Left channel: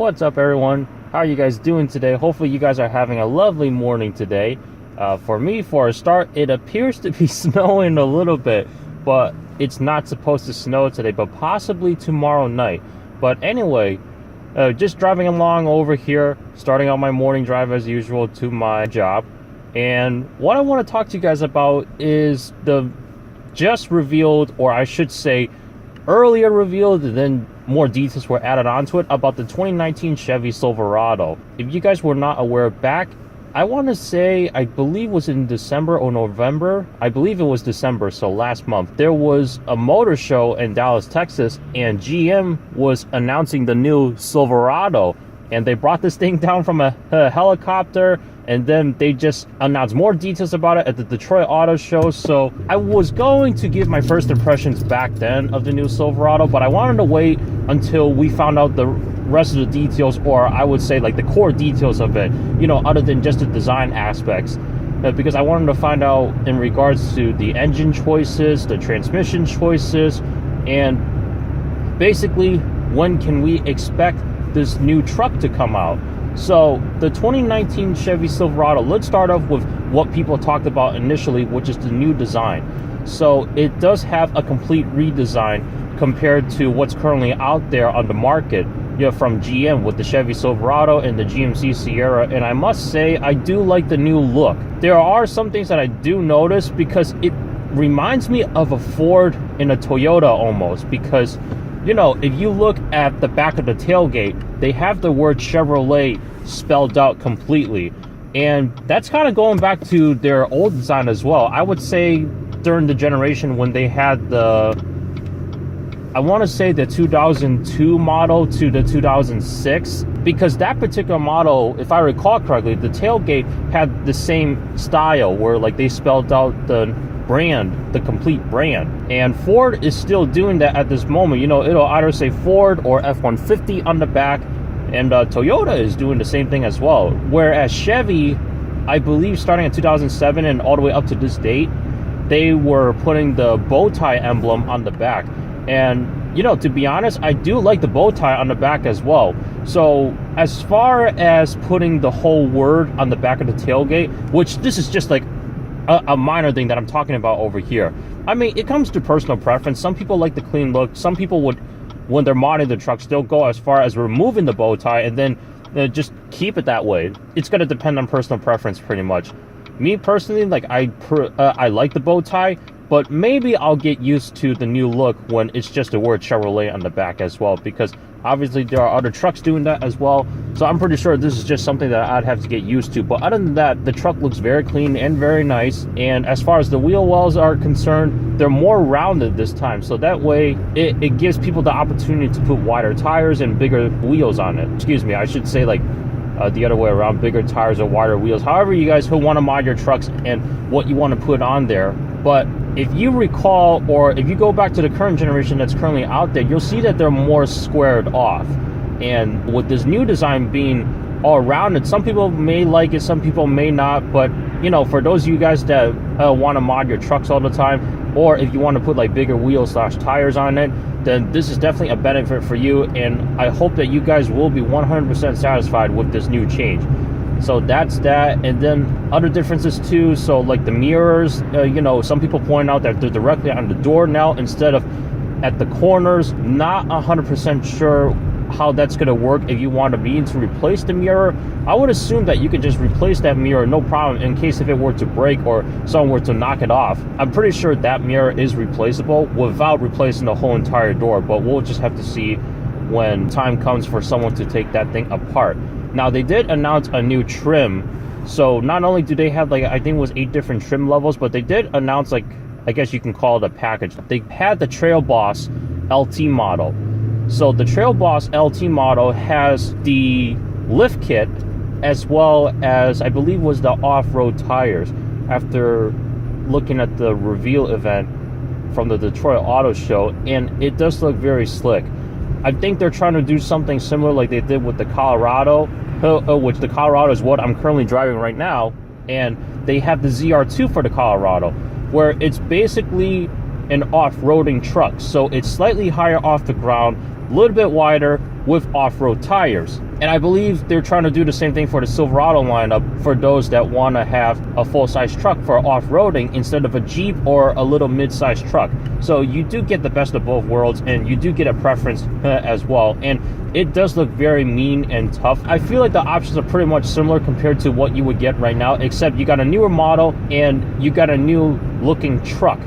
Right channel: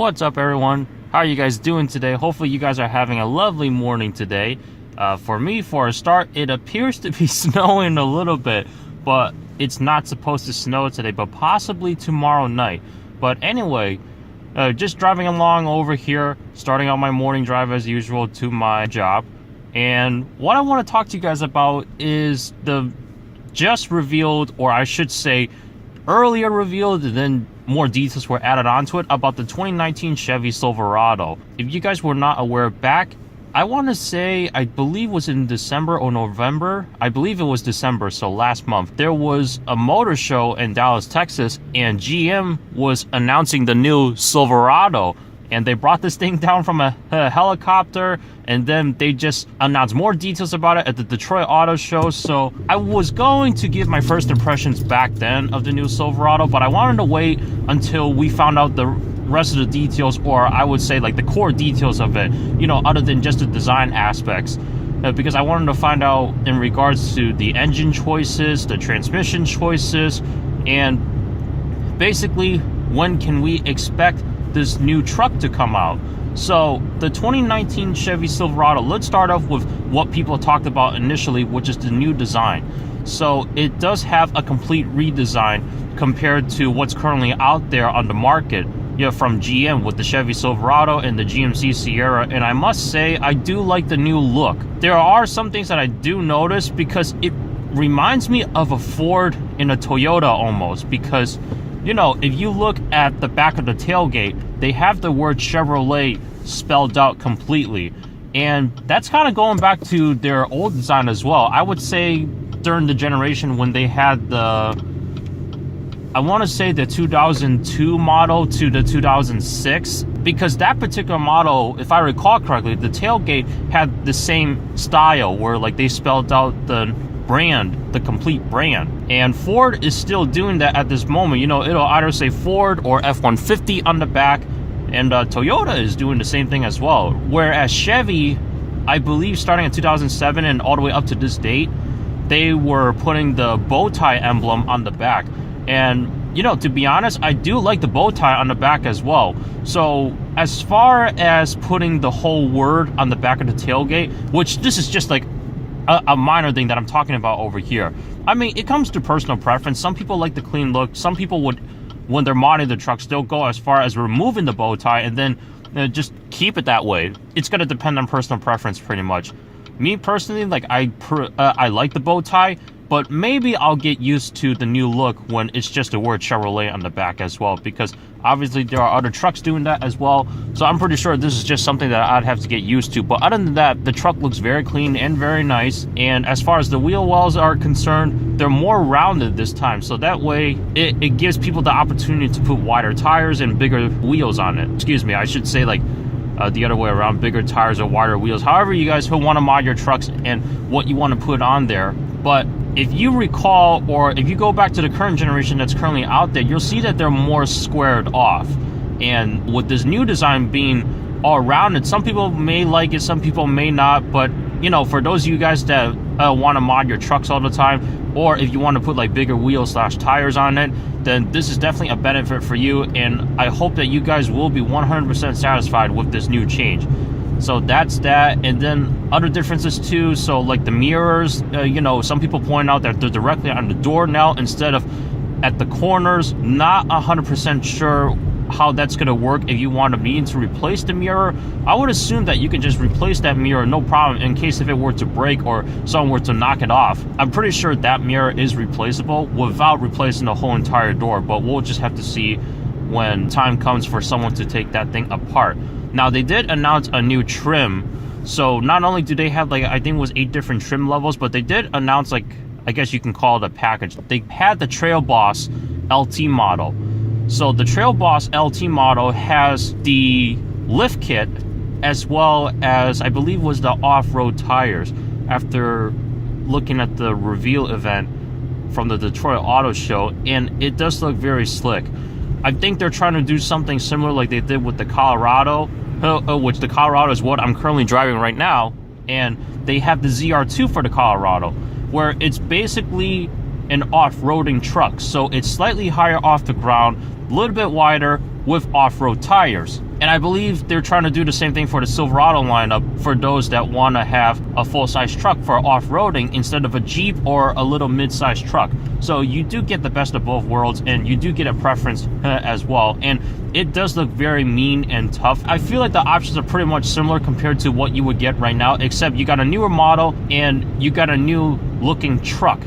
What's up, everyone? How are you guys doing today? Hopefully you guys are having a lovely morning today. For me, for a start, it appears to be snowing a little bit, but it's not supposed to snow today, but possibly tomorrow night. But anyway, just driving along over here, starting out my morning drive as usual to my job. And what I want to talk to you guys about is the just revealed, or I should say earlier revealed, and then more details were added onto it, about the 2019 Chevy Silverado. If you guys were not aware, back, I want to say, I believe was in December or November, I believe it was December, so last month, there was a motor show in Dallas, Texas, and GM was announcing the new Silverado. And they brought this thing down from a helicopter, and then they just announced more details about it at the Detroit Auto Show. So I was going to give my first impressions back then of the new Silverado, but I wanted to wait until we found out the rest of the details, or I would say like the core details of it, you know, other than just the design aspects. Because I wanted to find out in regards to the engine choices, the transmission choices, and basically when can we expect this new truck to come out. So the 2019 Chevy Silverado, let's start off with what people talked about initially, which is the new design. So it does have a complete redesign compared to what's currently out there on the market, you know, from GM with the Chevy Silverado and the GMC Sierra. And I must say, I do like the new look. There are some things that I do notice, because it reminds me of a Ford and a Toyota almost, because you know, if you look at the back of the tailgate, they have the word Chevrolet spelled out completely. And that's kind of going back to their old design as well. I would say during the generation when they had the, I want to say the 2002 model to the 2006, because that particular model, if I recall correctly, the tailgate had the same style where like they spelled out the brand, the complete brand. And Ford is still doing that at this moment. You know, it'll either say Ford or F-150 on the back, and Toyota is doing the same thing as well. Whereas Chevy, I believe starting in 2007 and all the way up to this date, they were putting the bow tie emblem on the back. And you know, to be honest, I do like the bow tie on the back as well. So as far as putting the whole word on the back of the tailgate, which this is just like a minor thing that I'm talking about over here. I mean, it comes to personal preference. Some people like the clean look. Some people would, when they're modding the trucks, they'll go as far as removing the bow tie and then just keep it that way. It's going to depend on personal preference pretty much. Me personally, like I like the bow tie, but maybe I'll get used to the new look when it's just the word Chevrolet on the back as well, because obviously there are other trucks doing that as well. So I'm pretty sure this is just something that I'd have to get used to. But other than that, the truck looks very clean and very nice. And as far as the wheel wells are concerned, they're more rounded this time. So that way it gives people the opportunity to put wider tires and bigger wheels on it. Excuse me, I should say like the other way around, bigger tires or wider wheels, however you guys who want to mod your trucks and what you want to put on there. But if you recall, or if you go back to the current generation that's currently out there, you'll see that they're more squared off. And with this new design being all rounded, some people may like it, some people may not. But you know, for those of you guys that want to mod your trucks all the time, or if you want to put like bigger wheels / tires on it, then this is definitely a benefit for you. And I hope that you guys will be 100% satisfied with this new change. So that's that. And then other differences too, so like the mirrors, you know, some people point out that they're directly on the door now instead of at the corners. Not 100% sure how that's going to work if you want to be to replace the mirror. I would assume that you could just replace that mirror, no problem, in case if it were to break or someone were to knock it off. I'm pretty sure that mirror is replaceable without replacing the whole entire door, but we'll just have to see when time comes for someone to take that thing apart. Now, they did announce a new trim. So not only do they have like, I think it was 8 different trim levels, but they did announce, like, I guess you can call it a package. They had the Trail Boss LT model. So the Trail Boss LT model has the lift kit as well as, I believe, was the off-road tires. After looking at the reveal event from the Detroit Auto Show, and it does look very slick. I think they're trying to do something similar like they did with the Colorado, which the Colorado is what I'm currently driving right now, and they have the ZR2 for the Colorado, where it's basically an off-roading truck. So it's slightly higher off the ground, a little bit wider with off-road tires. And I believe they're trying to do the same thing for the Silverado lineup for those that want to have a full-size truck for off-roading instead of a Jeep or a little mid-sized truck. So you do get the best of both worlds, and you do get a preference as well. And it does look very mean and tough. I feel like the options are pretty much similar compared to what you would get right now, except you got a newer model and you got a new looking truck.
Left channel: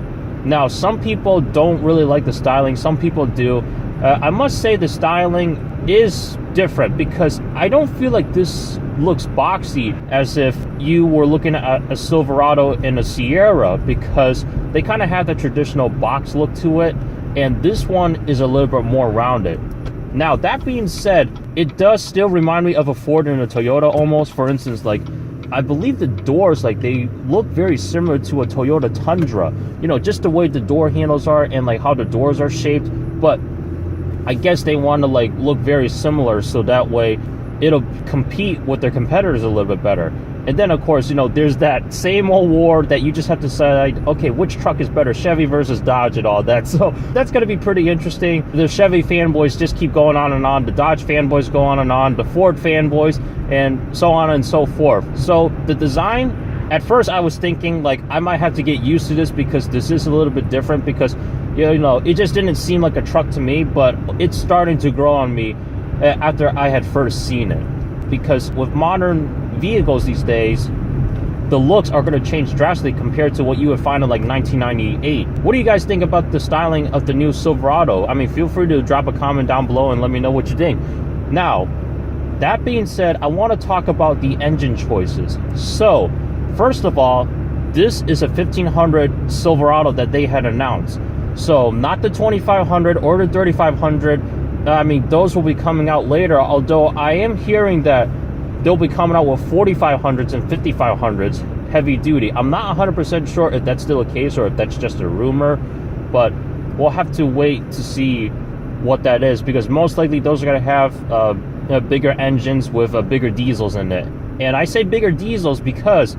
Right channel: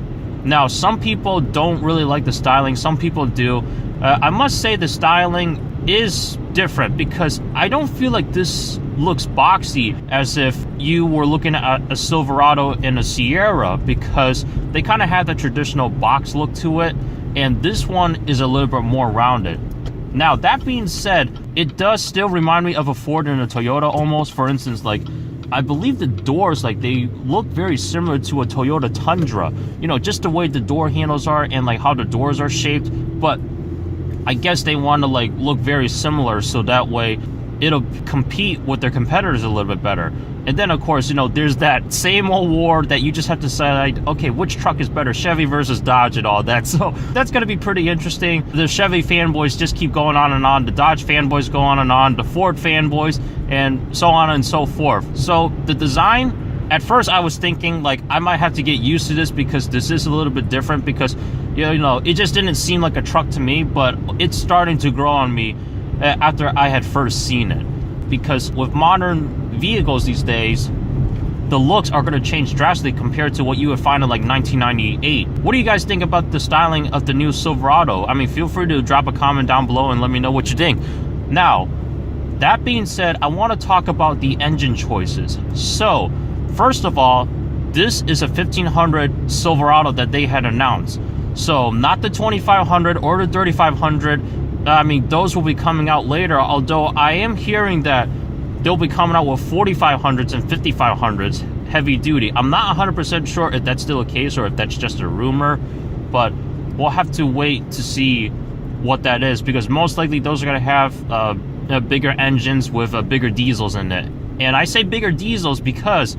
Now, some people don't really like the styling, some people do. I must say the styling is different because I don't feel like this looks boxy as if you were looking at a Silverado and a Sierra, because they kind of have the traditional box look to it, and this one is a little bit more rounded. Now, that being said, it does still remind me of a Ford and a Toyota almost. For instance, like, I believe the doors, like, they look very similar to a Toyota Tundra. You know, just the way the door handles are and, like, how the doors are shaped. But I guess they want to, like, look very similar so that way it'll compete with their competitors a little bit better. And then, of course, you know, there's that same old war that you just have to decide, okay, which truck is better, Chevy versus Dodge and all that. So that's going to be pretty interesting. The Chevy fanboys just keep going on and on. The Dodge fanboys go on and on. The Ford fanboys, and so on and so forth. So the design, at first I was thinking, like, I might have to get used to this because this is a little bit different, because, you know, it just didn't seem like a truck to me, but it's starting to grow on me after I had first seen it. Because with modern vehicles these days, the looks are going to change drastically compared to what you would find in like 1998. What do you guys think about the styling of the new Silverado? I mean, feel free to drop a comment down below and let me know what you think. Now, that being said, I want to talk about the engine choices. So, first of all, this is a 1500 Silverado that they had announced. So, not the 2500 or the 3500. I mean, those will be coming out later, although I am hearing that they'll be coming out with 4500s and 5500s heavy duty. I'm not 100% sure if that's still the case or if that's just a rumor, but we'll have to wait to see what that is, because most likely those are going to have bigger engines with bigger diesels in it. And I say bigger diesels because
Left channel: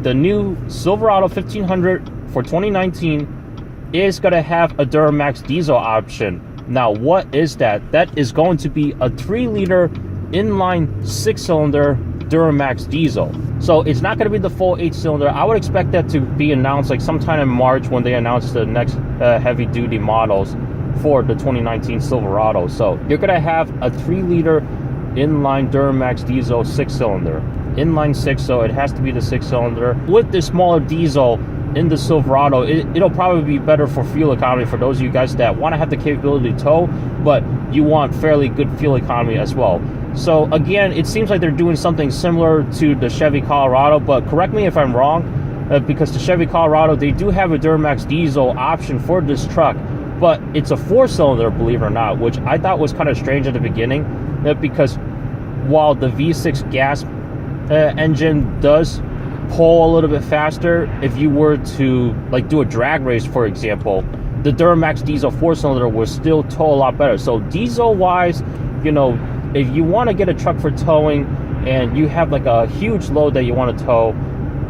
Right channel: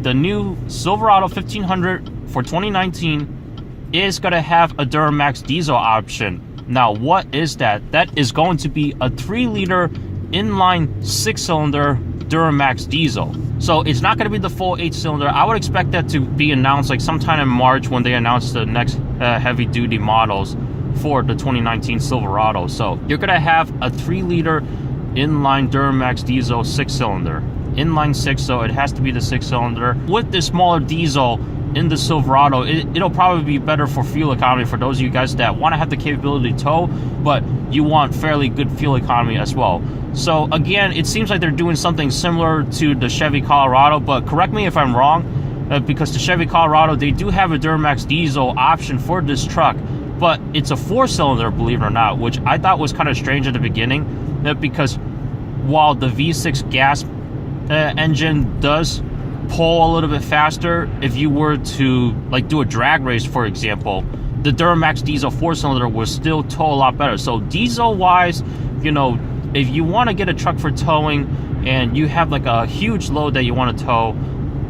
the new Silverado 1500 for 2019 is going to have a Duramax diesel option. Now, what is that? That is going to be a 3-liter inline 6-cylinder Duramax diesel. So it's not going to be the full 8-cylinder. I would expect that to be announced like sometime in March when they announce the next heavy duty models for the 2019 Silverado. So you're going to have a 3-liter inline Duramax diesel 6-cylinder. Inline 6, so it has to be the 6-cylinder. With this smaller diesel in the Silverado, it'll probably be better for fuel economy for those of you guys that want to have the capability to tow, but you want fairly good fuel economy as well. So again, it seems like they're doing something similar to the Chevy Colorado, but correct me if I'm wrong, because the Chevy Colorado, they do have a Duramax diesel option for this truck, but it's a 4-cylinder, believe it or not, which I thought was kind of strange at the beginning, because while the V6 gas engine does pull a little bit faster, if you were to like do a drag race, for example, the Duramax diesel 4-cylinder will still tow a lot better. So diesel wise, you know, if you want to get a truck for towing and you have like a huge load that you want to tow,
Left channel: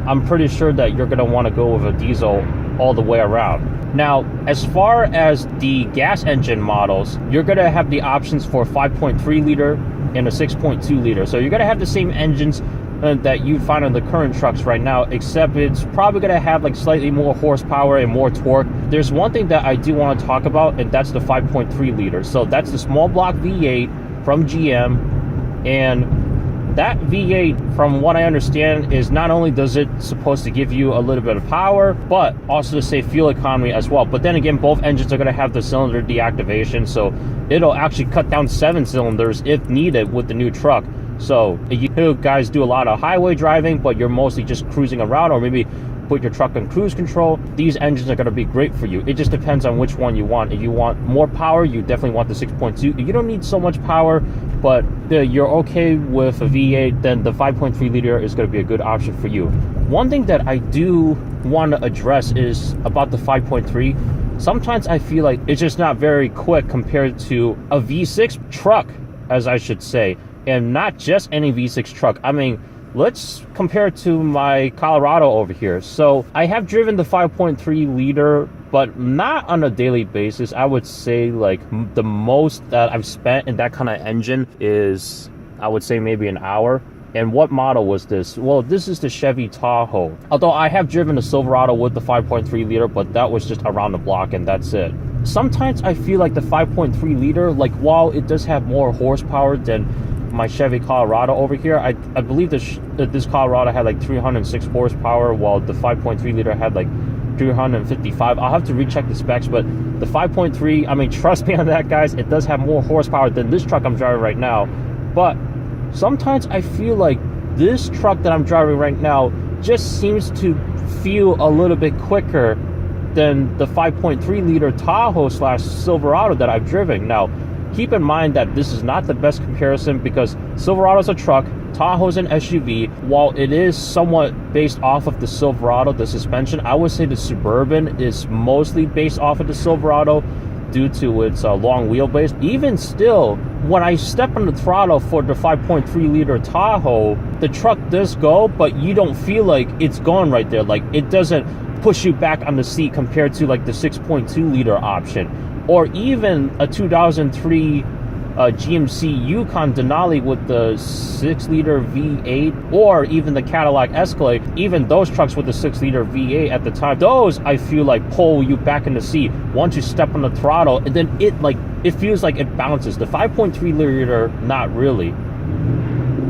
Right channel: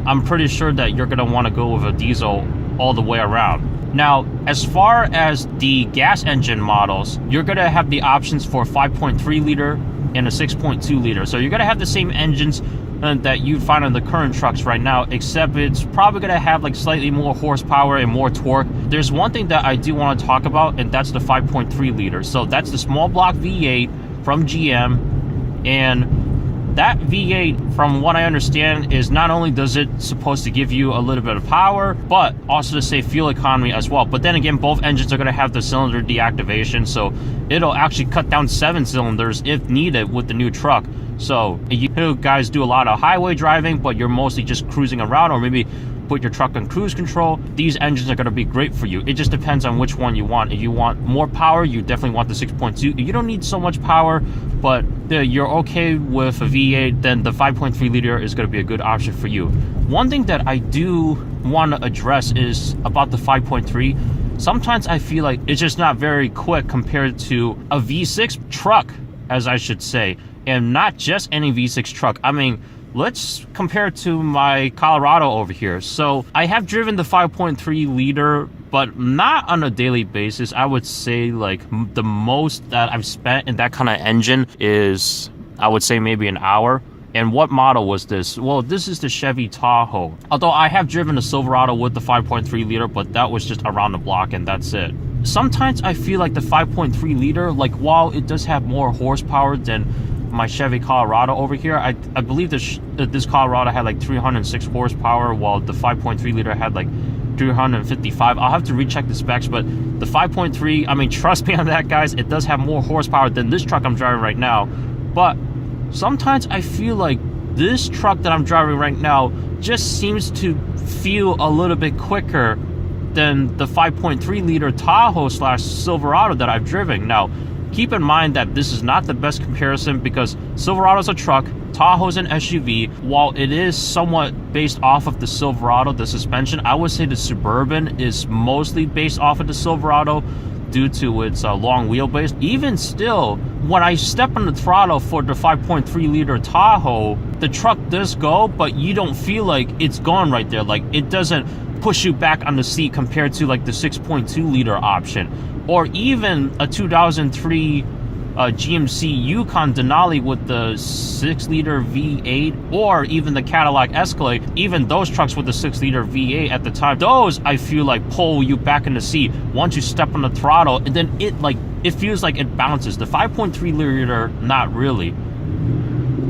I'm pretty sure that you're going to want to go with a diesel all the way around. Now, as far as the gas engine models, you're going to have the options for 5.3 liter and a 6.2 liter. So you're going to have the same engines that you find on the current trucks right now, except it's probably going to have like slightly more horsepower and more torque. There's one thing that I do want to talk about, and that's the 5.3 liter. So that's the small block V8 from GM, and that V8, from what I understand, is not only does it supposed to give you a little bit of power, but also to save fuel economy as well. But then again, both engines are going to have the cylinder deactivation, so it'll actually cut down 7 cylinders if needed with the new truck. So if you guys do a lot of highway driving, but you're mostly just cruising around, or maybe put your truck on cruise control, these engines are going to be great for you. It just depends on which one you want. If you want more power, you definitely want the 6.2. If you don't need so much power, but you're okay with a V8, then the 5.3 liter is going to be a good option for you. One thing that I do want to address is about the 5.3. Sometimes I feel like it's just not very quick compared to a V6 truck, as I should say. And not just any V6 truck. I mean, let's compare it to my Colorado over here. So I have driven the 5.3 liter, but not on a daily basis. I would say like the most that I've spent in that kind of engine is, I would say, maybe an hour. And what model was this? Well, this is the Chevy Tahoe. Although I have driven a Silverado with the 5.3 liter, but that was just around the block and that's it. Sometimes I feel like the 5.3 liter, like while it does have more horsepower than my Chevy Colorado over here, I believe this Colorado had like 306 horsepower, while the 5.3 liter had like 355. I'll have to recheck the specs, but the 5.3, I mean, trust me on that, guys, it does have more horsepower than this truck I'm driving right now. But sometimes I feel like this truck that I'm driving right now just seems to feel a little bit quicker than the 5.3 liter Tahoe / Silverado that I've driven. Now, keep in mind that this is not the best comparison because Silverado's a truck, Tahoe's an SUV. While it is somewhat based off of the Silverado, the suspension, I would say the Suburban is mostly based off of the Silverado due to its long wheelbase. Even still, when I step on the throttle for the 5.3 liter Tahoe, the truck does go, but you don't feel like it's gone right there. Like, it doesn't push you back on the seat compared to like the 6.2 liter option, or even a 2003 GMC Yukon Denali with the 6 liter V8, or even the Cadillac Escalade. Even those trucks with the 6 liter V8 at the time, those I feel like pull you back in the seat once you step on the throttle, and then it feels like it bounces. The 5.3 liter, not really.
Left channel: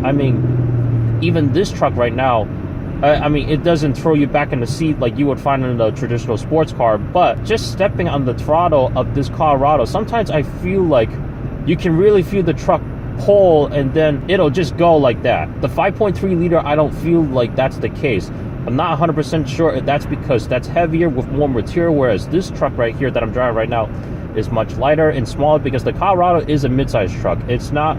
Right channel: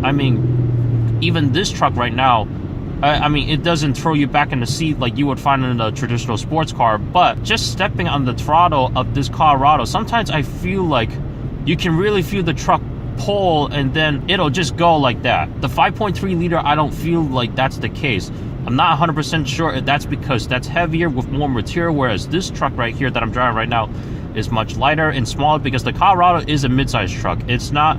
I mean, even this truck right now, I mean, it doesn't throw you back in the seat like you would find in a traditional sports car, but just stepping on the throttle of this Colorado, sometimes I feel like you can really feel the truck pull and then it'll just go like that. The 5.3 liter, I don't feel like that's the case. I'm not 100% sure if that's because that's heavier with more material, whereas this truck right here that I'm driving right now is much lighter and smaller, because the Colorado is a mid-size truck. It's not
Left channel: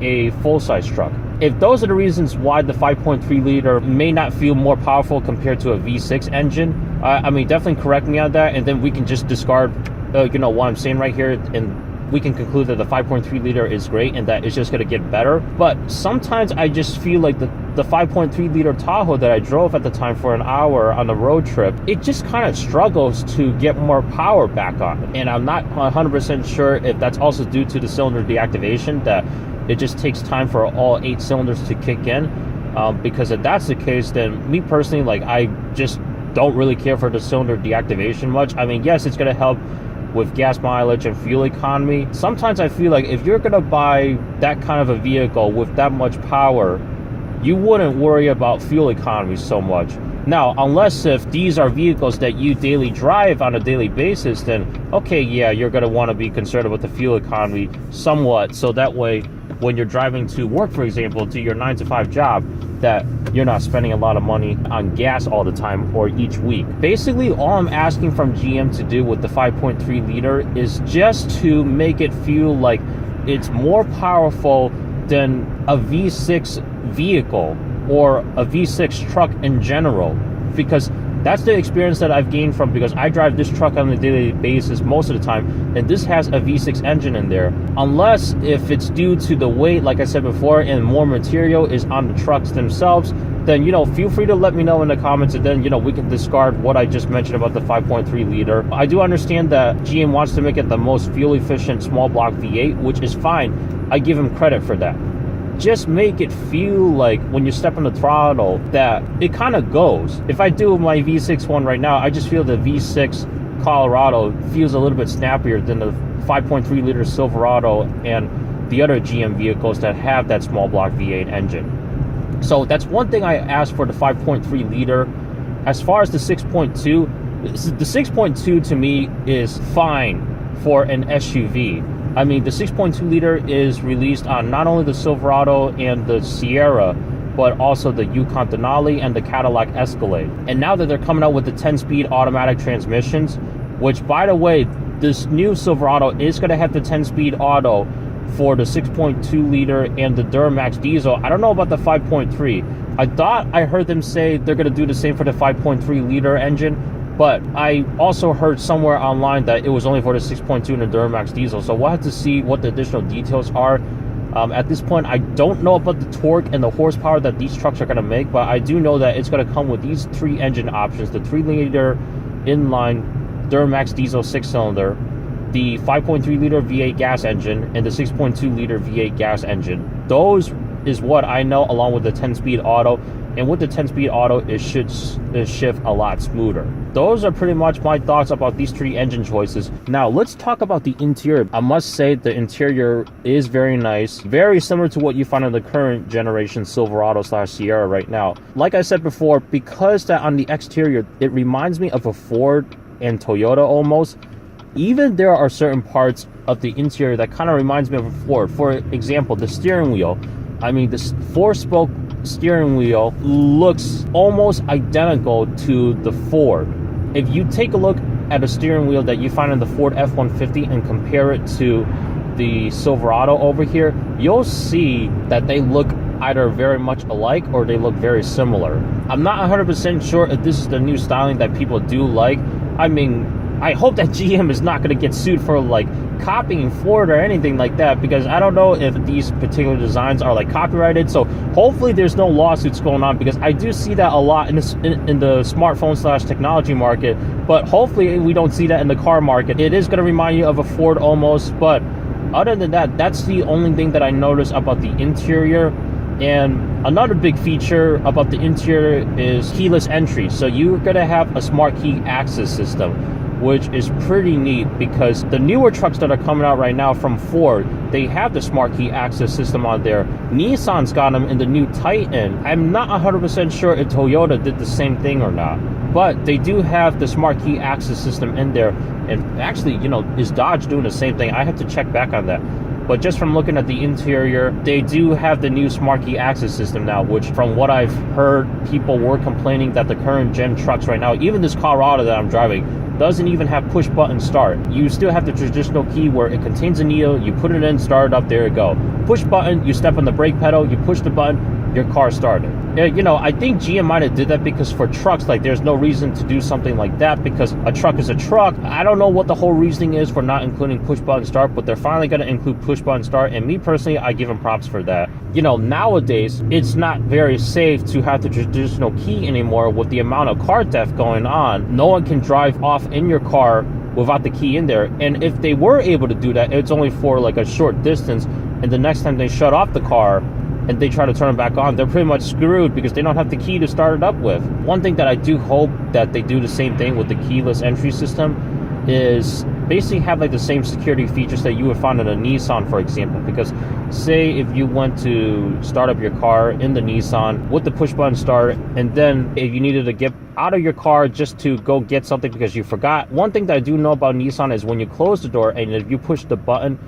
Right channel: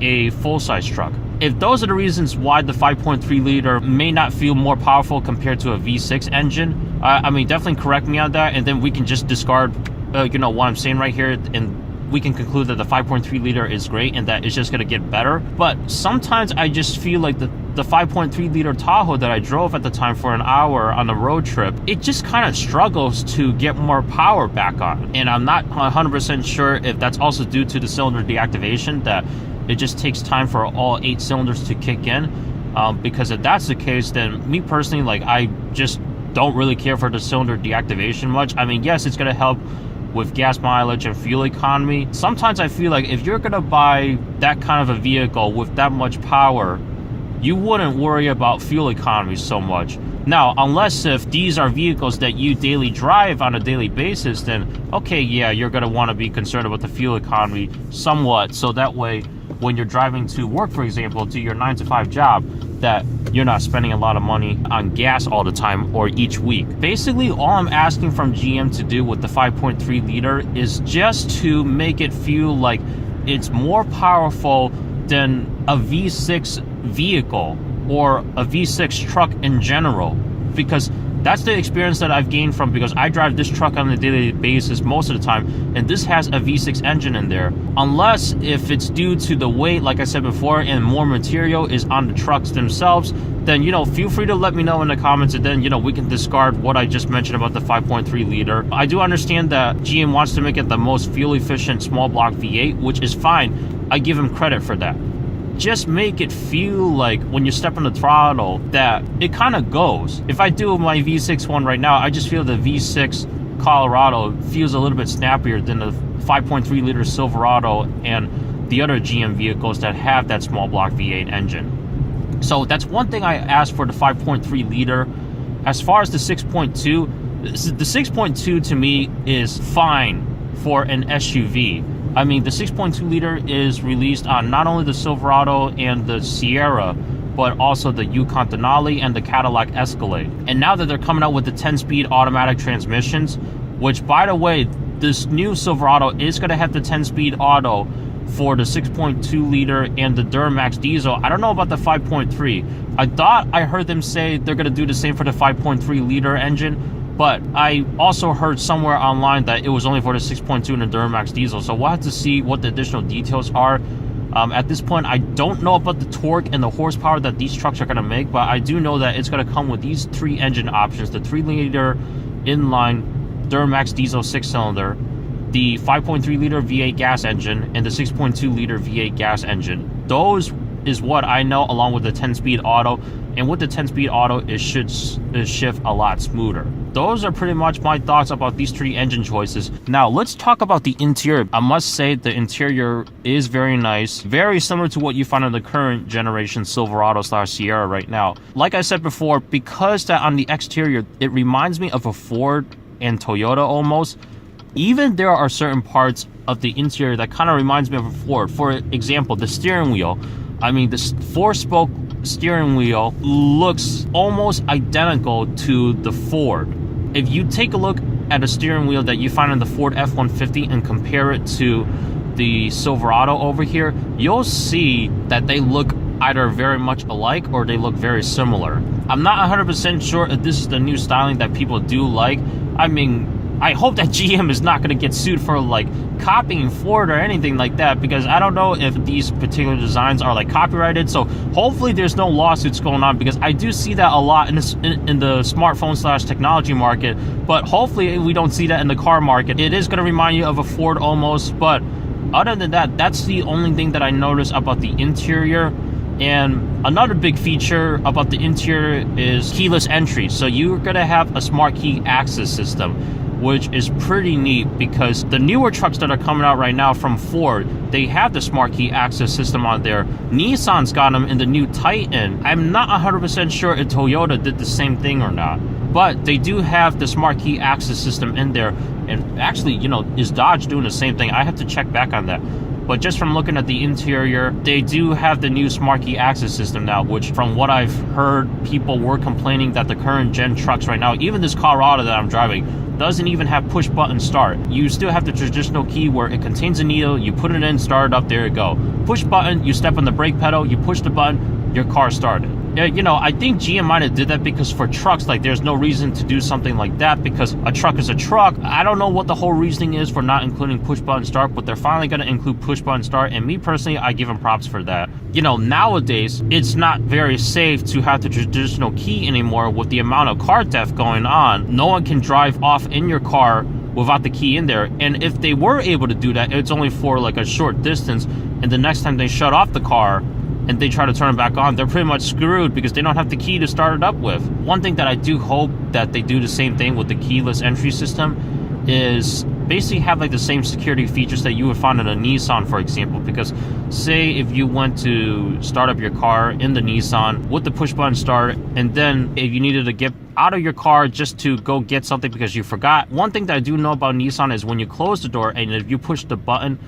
a full-size truck. If those are the reasons why the 5.3 liter may not feel more powerful compared to a V6 engine, I mean, definitely correct me on that, and then we can just discard what I'm saying right here, and we can conclude that the 5.3 liter is great and that it's just going to get better. But sometimes I just feel like the 5.3 liter Tahoe that I drove at the time for an hour on a road trip, it just kind of struggles to get more power back on. And I'm not 100% sure if that's also due to the cylinder deactivation, that it just takes time for all 8 cylinders to kick in. Because if that's the case, then me personally, like, I just don't really care for the cylinder deactivation much. I mean, yes, it's going to help with gas mileage and fuel economy. Sometimes I feel like if you're gonna buy that kind of a vehicle with that much power, you wouldn't worry about fuel economy so much. Now, unless if these are vehicles that you daily drive on a daily basis, then okay, yeah, you're gonna want to be concerned about the fuel economy somewhat, so that way when you're driving to work, for example, to your 9-to-5 job, that you're not spending a lot of money on gas all the time or each week. Basically, all I'm asking from GM to do with the 5.3 liter is just to make it feel like it's more powerful than a V6 vehicle or a V6 truck in general, because that's the experience that I've gained from, because I drive this truck on a daily basis most of the time, and this has a V6 engine in there. Unless if it's due to the weight, like I said before, and more material is on the trucks themselves, then, feel free to let me know in the comments, and then, we can discard what I just mentioned about the 5.3 liter. I do understand that GM wants to make it the most fuel efficient small block V8, which is fine. I give him credit for that. Just make it feel like when you step on the throttle that it kind of goes. If I do my V6 one right now, I just feel the V6 Colorado feels a little bit snappier than the 5.3 liter Silverado and the other GM vehicles that have that small block V8 engine. So that's one thing I asked for the 5.3 liter. As far as the 6.2, the 6.2 to me is fine for an SUV. I mean, the 6.2 liter is released on not only the Silverado and the Sierra, but also the Yukon Denali and the Cadillac Escalade. And now that they're coming out with the 10-speed automatic transmissions, which, by the way, this new Silverado is going to have the 10-speed auto for the 6.2 liter and the Duramax diesel. I don't know about the 5.3. I thought I heard them say they're going to do the same for the 5.3 liter engine, but I also heard somewhere online that it was only for the 6.2 and the Duramax diesel. So we'll have to see what the additional details are At this point, I don't know about the torque and the horsepower that these trucks are going to make, but I do know that it's going to come with these 3 engine options: the 3-liter inline Duramax diesel 6-cylinder, the 5.3-liter V8 gas engine, and the 6.2-liter V8 gas engine. Those is what I know, along with the 10-speed auto. And with the 10-speed auto, it should shift a lot smoother. Those are pretty much my thoughts about these 3 engine choices. Now, let's talk about the interior. I must say the interior is very nice, very similar to what you find in the current generation Silverado / Sierra right now. Like I said before, because that on the exterior, it reminds me of a Ford and Toyota almost. Even there are certain parts of the interior that kind of reminds me of a Ford. For example, the steering wheel. I mean, this 4-spoke steering wheel looks almost identical to the Ford. If you take a look at a steering wheel that you find in the Ford F-150 and compare it to the Silverado over here, you'll see that they look either very much alike or they look very similar. I'm not 100% sure if this is the new styling that people do like. I mean, I hope that GM is not going to get sued for like copying Ford or anything like that, because I don't know if these particular designs are like copyrighted. So hopefully there's no lawsuits going on, because I do see that a lot in the smartphone / technology market, but hopefully we don't see that in the car market. It is going to remind you of a Ford almost, but other than that, that's the only thing that I noticed about the interior. And another big feature about the interior is keyless entry. So you're going to have a smart key access system, which is pretty neat, because the newer trucks that are coming out right now from Ford, they have the smart key access system on there. Nissan's got them in the new Titan. I'm not 100% sure if Toyota did the same thing or not, but they do have the smart key access system in there. And actually, you know, is Dodge doing the same thing? I have to check back on that. But just from looking at the interior, they do have the new smart key access system now, which from what I've heard, people were complaining that the current gen trucks right now, even this Colorado that I'm driving, doesn't even have push button start. You still have the traditional key where it contains a needle, you put it in, start it up, there you go. Push button, you step on the brake pedal, you push the button, your car started. You know, I think GM might have did that because for trucks, like, there's no reason to do something like that, because a truck is a truck. I don't know what the whole reasoning is for not including push button start, but they're finally going to include push button start, and me personally, I give them props for that. You know, nowadays, it's not very safe to have the traditional key anymore with the amount of car theft going on. No one can drive off in your car without the key in there, and if they were able to do that, it's only for like a short distance, and the next time they shut off the car and they try to turn it back on, they're pretty much screwed because they don't have the key to start it up with. One thing that I do hope that they do the same thing with the keyless entry system is basically have like the same security features that you would find in a Nissan, for example. Because say if you went to start up your car in the Nissan with the push button start, and then if you needed to get out of your car just to go get something because you forgot, one thing that I do know about Nissan is when you close the door and if you push the button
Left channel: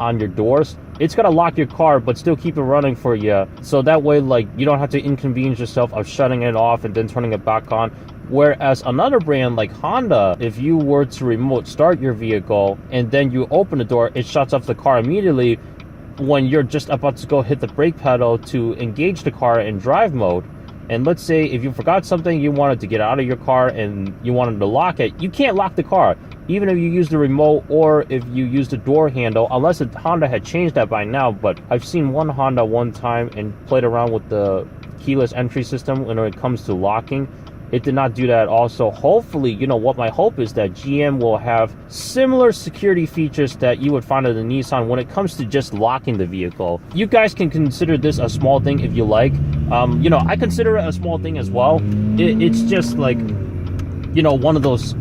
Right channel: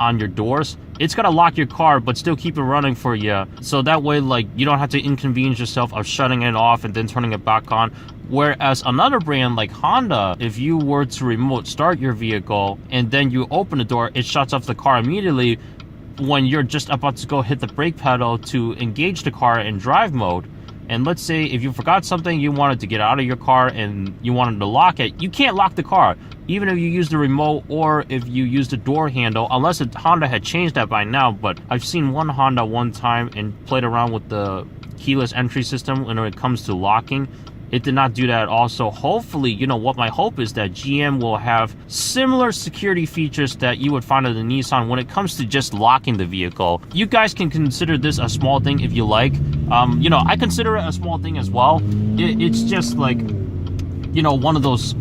on your doors, it's gonna lock your car but still keep it running for you, so that way like you don't have to inconvenience yourself of shutting it off and then turning it back on. Whereas another brand like Honda, if you were to remote start your vehicle and then you open the door, it shuts off the car immediately when you're just about to go hit the brake pedal to engage the car in drive mode. And let's say if you forgot something, you wanted to get out of your car and you wanted to lock it, you can't lock the car even if you use the remote or if you use the door handle, unless Honda had changed that by now. But I've seen one Honda one time and played around with the keyless entry system when it comes to locking. It did not do that also. Hopefully, you know, what my hope is that GM will have similar security features that you would find in the Nissan when it comes to just locking the vehicle. You guys can consider this a small thing if you like. You know, I consider it a small thing as well. It's just like, you know, one of those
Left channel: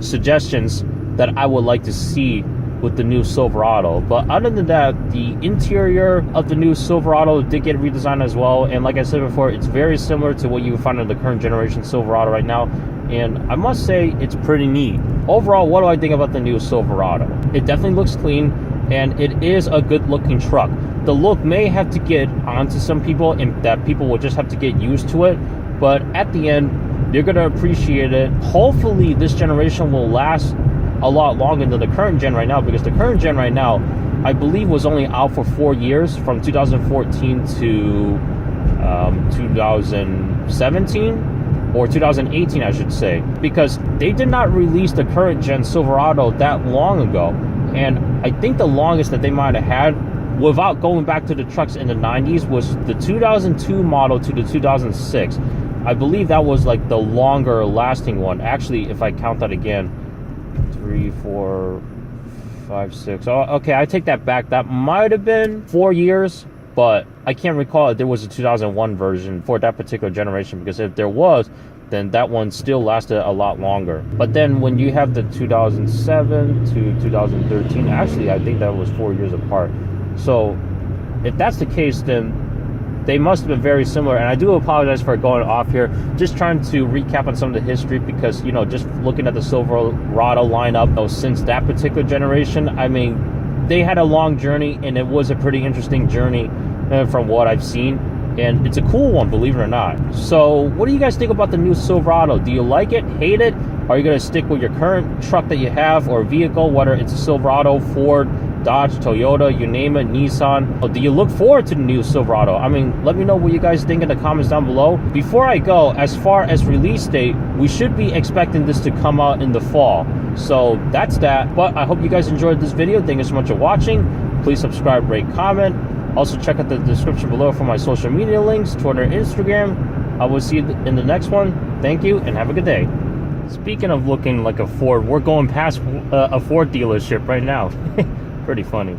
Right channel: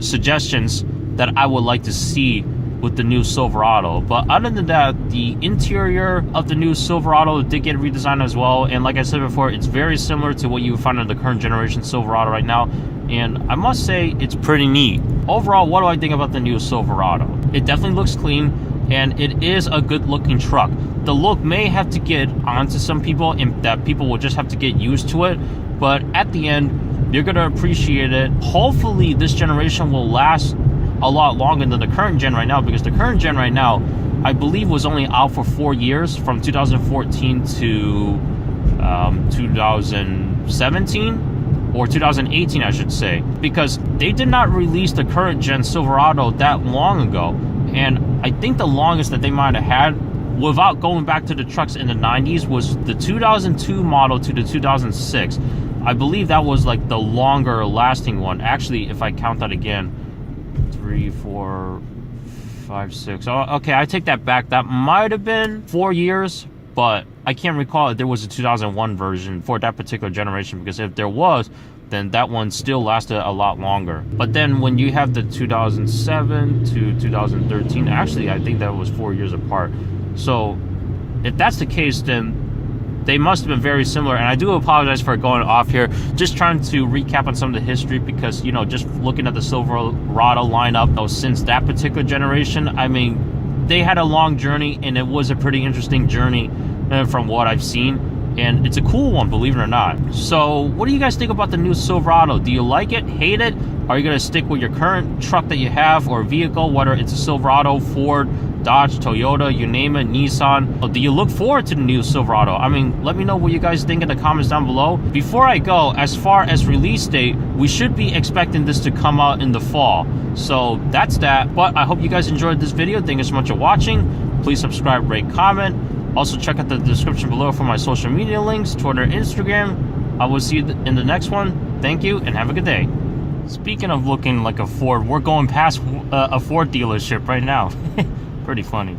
suggestions that I would like to see with the new Silverado. But other than that, the interior of the new Silverado did get redesigned as well, and like I said before, it's very similar to what you would find in the current generation Silverado right now, and I must say it's pretty neat. Overall, what do I think about the new Silverado? It definitely looks clean, and it is a good looking truck. The look may have to get onto some people, and that people will just have to get used to it, but at the end, you're gonna appreciate it. Hopefully this generation will last a lot longer than the current gen right now, because the current gen right now, I believe, was only out for 4 years, from 2014 to 2017 or 2018, I should say, because they did not release the current gen Silverado that long ago. And I think the longest that they might have had without going back to the trucks in the 90s, was the 2002 model to the 2006. I believe that was like the longer lasting one. Actually, if I count that again, 3, 4, 5, 6. Oh, okay, I take that back. That might have been 4 years, but I can't recall if there was a 2001 version for that particular generation, because if there was, then that one still lasted a lot longer. But then when you have the 2007 to 2013, actually I think that was 4 years apart. So if that's the case, then they must have been very similar. And I do apologize for going off here, just trying to recap on some of the history, because, you know, just looking at the Silverado lineup, though, since that particular generation, I mean, they had a long journey, and it was a pretty interesting journey from what I've seen. And it's a cool one, believe it or not. So what do you guys think about the new Silverado? Do you like it, hate it? Are you gonna stick with your current truck that you have or vehicle, whether it's a Silverado, Ford, Dodge, Toyota, you name it, Nissan? Or do you look forward to the new Silverado? I mean, let me know what you guys think in the comments down below. Before I go, as far as release date, we should be expecting this to come out in the fall. So that's that. But I hope you guys enjoyed this video. Thank you so much for watching. Please subscribe, rate, comment. Also check out the description below for my social media links, Twitter, Instagram. I will see you in the next one. Thank you and have a good day. Speaking of looking like a Ford, we're going past a Ford dealership right now. Pretty funny.